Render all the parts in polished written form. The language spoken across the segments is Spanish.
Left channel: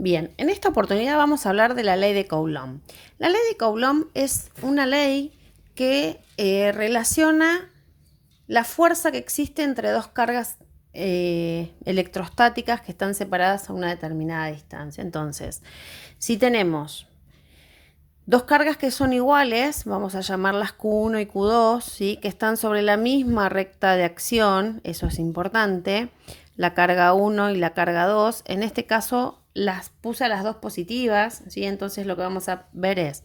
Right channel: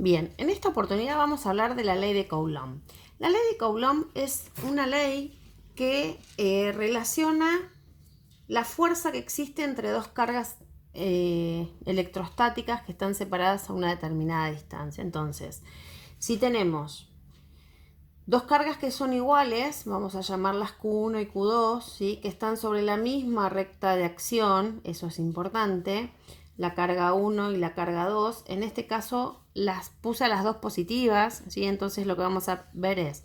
Bien, en esta oportunidad vamos a hablar de la ley de Coulomb. La ley de Coulomb es una ley que relaciona la fuerza que existe entre dos cargas electrostáticas que están separadas a una determinada distancia. Entonces, si tenemos dos cargas que son iguales, vamos a llamarlas Q1 y Q2, ¿sí? Que están sobre la misma recta de acción, eso es importante, la carga 1 y la carga 2. En este caso las puse a las dos positivas, ¿sí? Entonces lo que vamos a ver es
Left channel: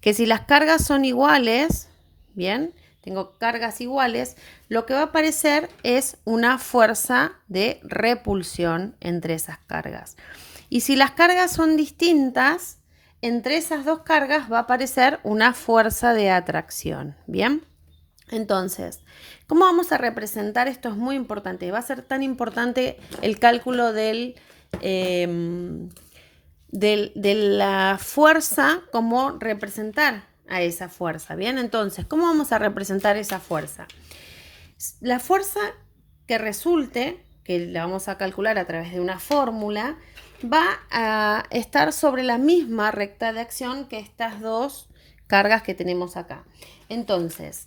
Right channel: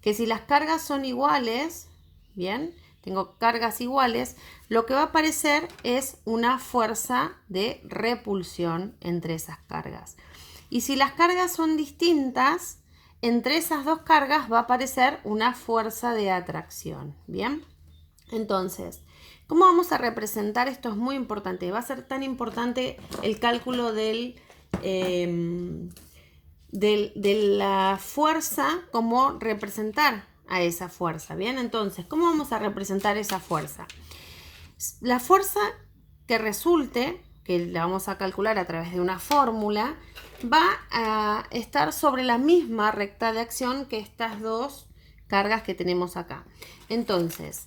que si las cargas son iguales, bien, tengo cargas iguales, lo que va a aparecer es una fuerza de repulsión entre esas cargas. Y si las cargas son distintas, entre esas dos cargas va a aparecer una fuerza de atracción. Bien, entonces, ¿cómo vamos a representar esto? Es muy importante. Va a ser tan importante el cálculo de la fuerza como representar a esa fuerza. Bien, entonces, ¿cómo vamos a representar esa fuerza? La fuerza que resulte, que la vamos a calcular a través de una fórmula, va a estar sobre la misma recta de acción que estas dos cargas que tenemos acá. Entonces,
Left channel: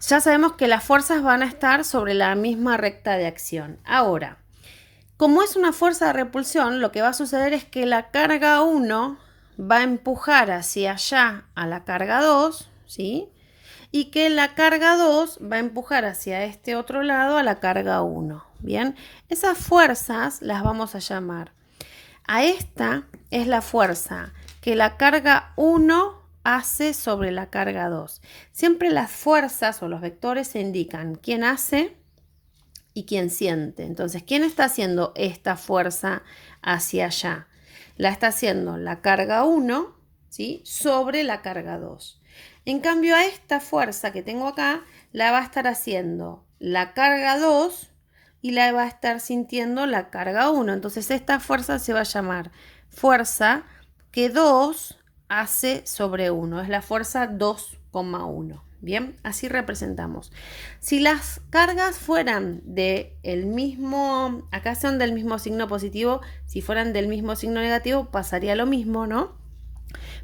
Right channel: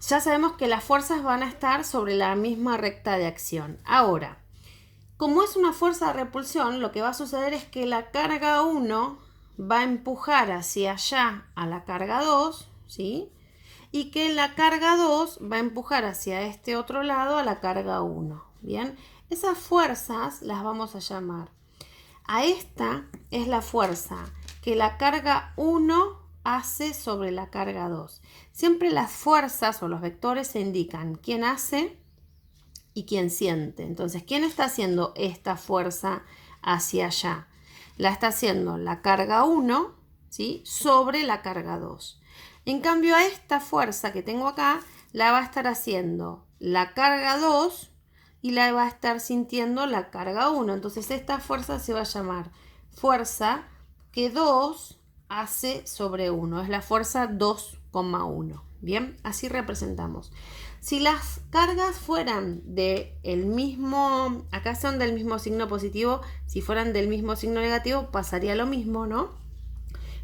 ya sabemos que las fuerzas van a estar sobre la misma recta de acción. Ahora, como es una fuerza de repulsión, lo que va a suceder es que la carga 1 va a empujar hacia allá a la carga 2, ¿sí? Y que la carga 2 va a empujar hacia este otro lado a la carga 1. Bien, esas fuerzas las vamos a llamar. A esta es la fuerza que la carga 1 hace sobre la carga 2. Siempre las fuerzas o los vectores se indican quién hace y quién siente. Entonces, ¿quién está haciendo esta fuerza hacia allá? La está haciendo la carga 1, ¿sí? Sobre la carga 2. En cambio, a esta fuerza que tengo acá, la va a estar haciendo la carga 2 y la va a estar sintiendo la carga 1. Entonces, esta fuerza se va a llamar fuerza que 2 hace sobre 1. Es la fuerza 2,1. Bien, así representamos. Si las cargas fueran del mismo, acá son del mismo signo positivo, si fueran del mismo signo negativo pasaría lo mismo, ¿no?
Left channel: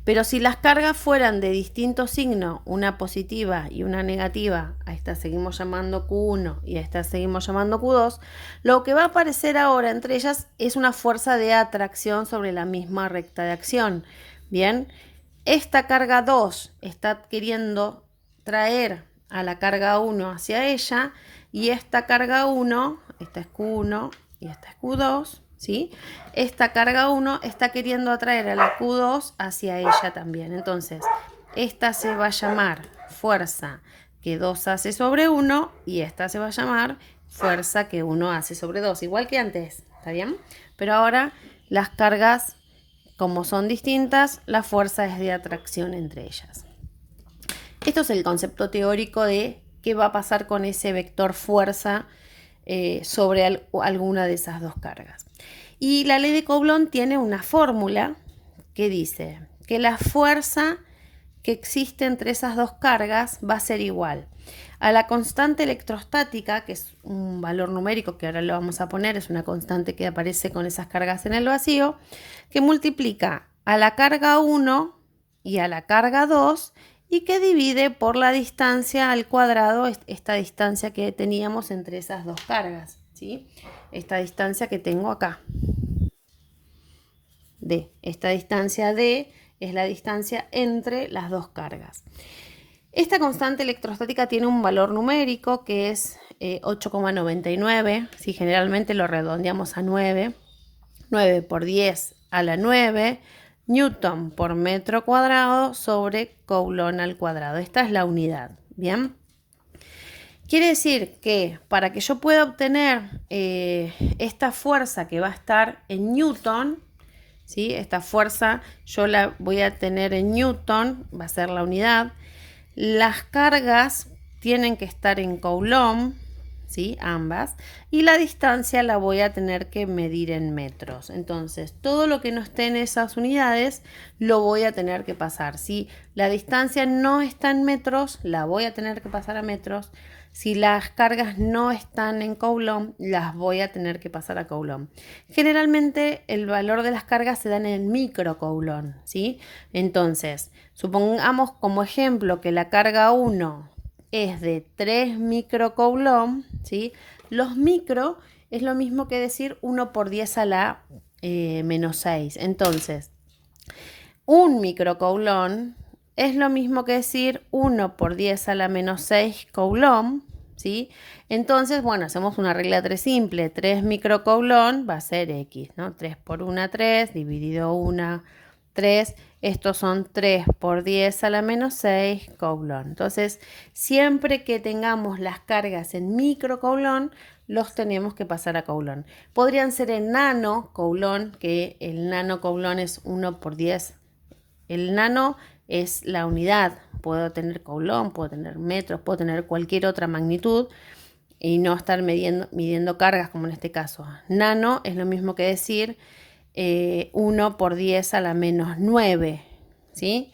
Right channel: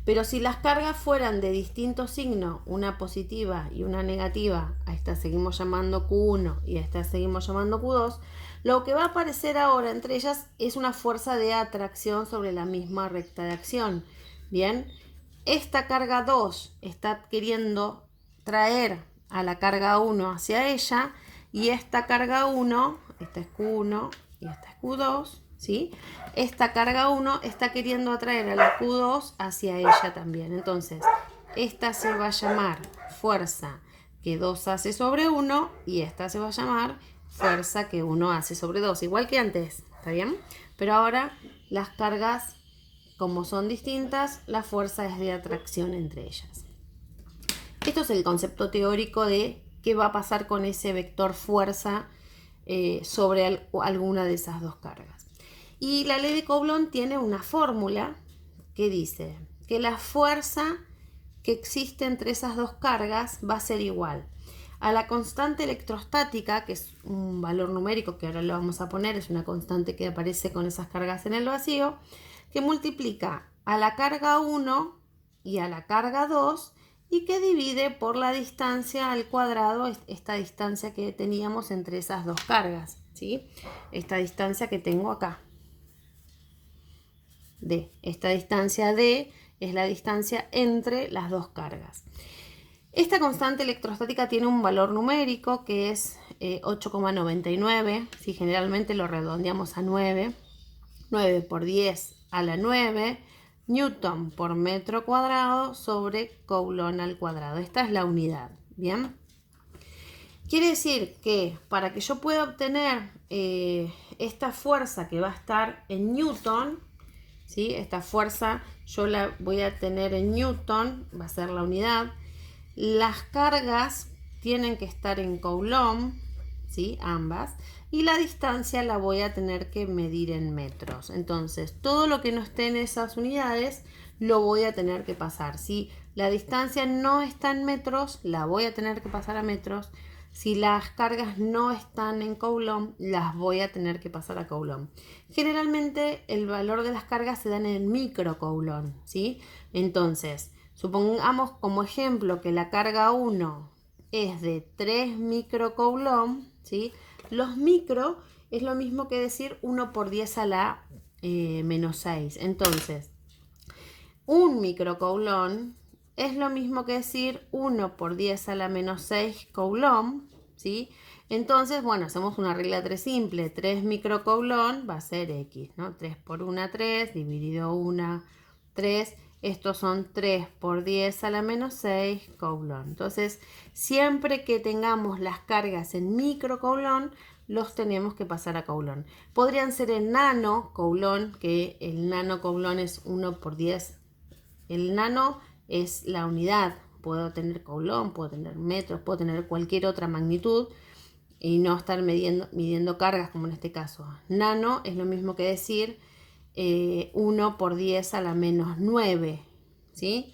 Pero si las cargas fueran de distinto signo, una positiva y una negativa, a esta seguimos llamando Q1 y a esta seguimos llamando Q2, lo que va a aparecer ahora entre ellas es una fuerza de atracción sobre la misma recta de acción. Bien, esta carga 2 está queriendo traer a la carga 1 hacia ella y esta carga 1, esta es Q1 y esta es Q2, ¿sí? Esta carga 1 está queriendo atraer a la Q2 hacia ella también. Entonces, esta se va a llamar fuerza que 2 hace sobre 1 y esta se va a llamar fuerza que 1 hace sobre 2, igual que antes, ¿está bien? Pero ahora las cargas, como son distintas, la fuerza es de atracción entre ellas. Esto es el concepto teórico de qué va a pasar con ese vector fuerza sobre alguna de esas dos cargas. Y la ley de Coulomb tiene una fórmula que dice que la fuerza que existe entre esas dos cargas va a ser igual a la constante electrostática, que es un valor numérico que ahora lo vamos a poner, es una constante que aparece con esas cargas en el vacío, que multiplica a la carga 1 y a la carga 2 y que divide por la distancia al cuadrado, esta distancia que teníamos entre esas dos cargas, ¿sí? Esta distancia que tengo acá. D. Esta distancia D es la distancia entre las dos cargas. Esta constante electrostática tiene un valor numérico que es 8,99. Si generalmente lo redondeamos a 9. 9 por 10 a la 9 Newton por metro cuadrado sobre Coulomb al cuadrado. Esta es la unidad. Bien. Quiere decir que para que yo pueda obtener esta fuerza que va a estar en Newton, ¿sí? Esta fuerza yo la voy a tener en Newton, va a ser la unidad. Las cargas tienen que estar en Coulomb, ¿sí? Ambas. Y la distancia la voy a tener que medir en metros. Entonces, todo lo que no esté en esas unidades lo voy a tener que pasar. Si la distancia no está en metros, la voy a tener que pasar a metros. Si las cargas no están en Coulomb, las voy a tener que pasar a Coulomb. Generalmente el valor de las cargas se dan en micro Coulomb, ¿sí? Entonces, supongamos como ejemplo que la carga 1 es de 3 micro Coulomb, ¿sí? Los micro es lo mismo que decir 1 por 10 a la menos 6. Entonces, un microcoulomb es lo mismo que decir 1 por 10 a la menos 6 coulomb, ¿sí? Entonces, bueno, hacemos una regla 3 simple. 3 microcoulomb va a ser X, ¿no? 3 por 1, 3, dividido 1, 3. Estos son 3 por 10 a la menos 6 coulomb. Entonces, siempre que tengamos las cargas en microcoulomb, los tenemos que pasar a coulomb. Podrían ser en nano coulomb, que el nano coulomb es 1 por 10. El nano es la unidad. Puedo tener coulomb, puedo tener metros, puedo tener cualquier otra magnitud y no estar midiendo cargas como en este caso. Nano es lo mismo que decir 1 por 10 a la menos 9, ¿sí?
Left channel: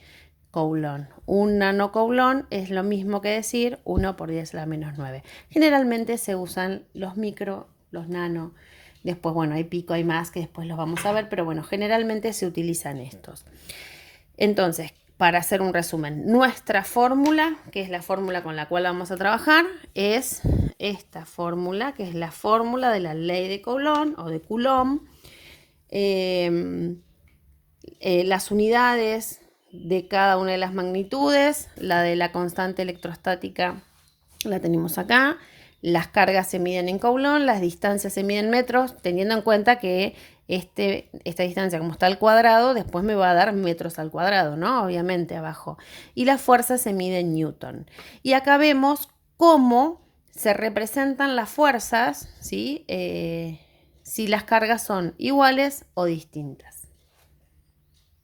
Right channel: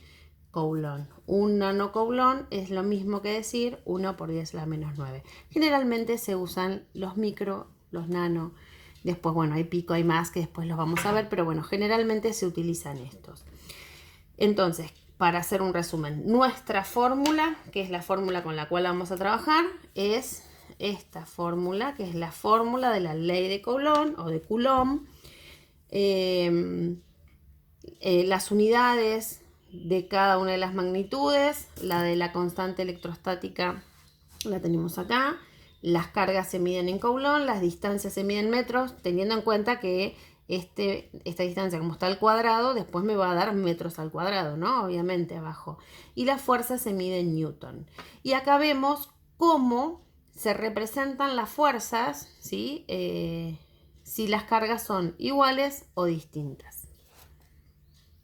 Coulomb. Un nanocoulomb es lo mismo que decir 1 por 10 a la menos 9. Generalmente se usan los micro, los nano. Después, bueno, hay pico, hay más que después los vamos a ver, pero bueno, generalmente se utilizan estos. Entonces, para hacer un resumen, nuestra fórmula, que es la fórmula con la cual vamos a trabajar, es esta fórmula, que es la fórmula de la ley de Coulomb o de Coulomb. Las unidades de cada una de las magnitudes, la de la constante electrostática la tenemos acá, las cargas se miden en Coulomb, las distancias se miden en metros, teniendo en cuenta que esta distancia como está al cuadrado, después me va a dar metros al cuadrado, ¿no? Obviamente abajo. Y la fuerza se mide en Newton. Y acá vemos cómo se representan las fuerzas, ¿sí? Si las cargas son iguales o distintas.